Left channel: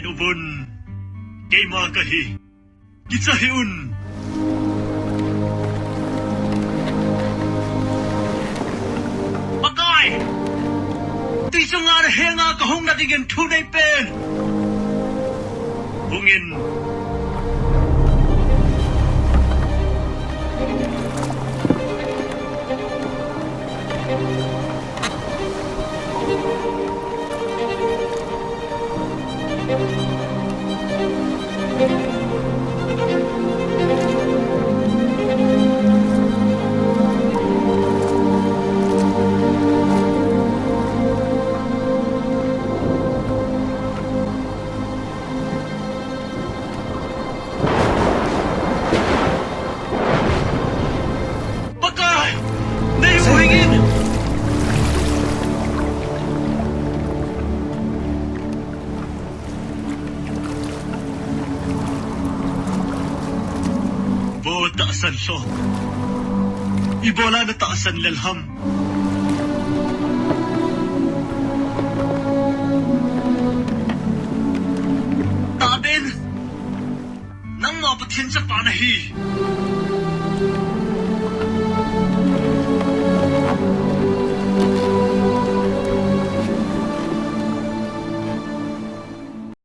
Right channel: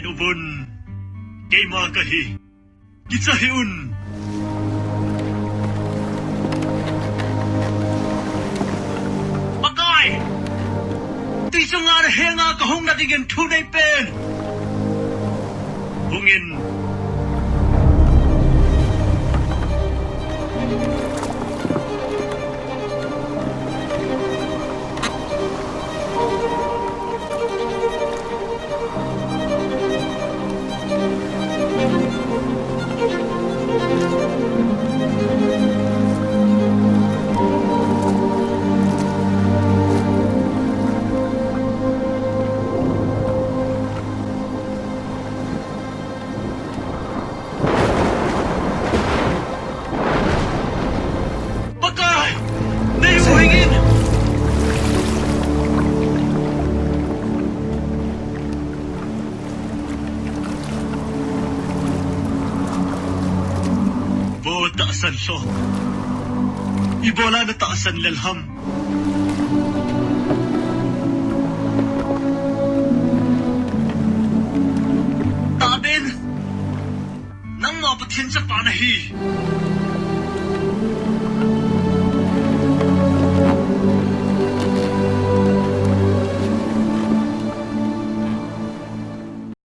Ken ubon, kay makahi, kitsahiun. Bagay! Di sa nga nahenga kahong natiging tunay pen. Hungin, bagay! Naiuhingin! Bawat taasan siya. Ibola na taasan lalham. Taben! Nang mapatin sa panahi.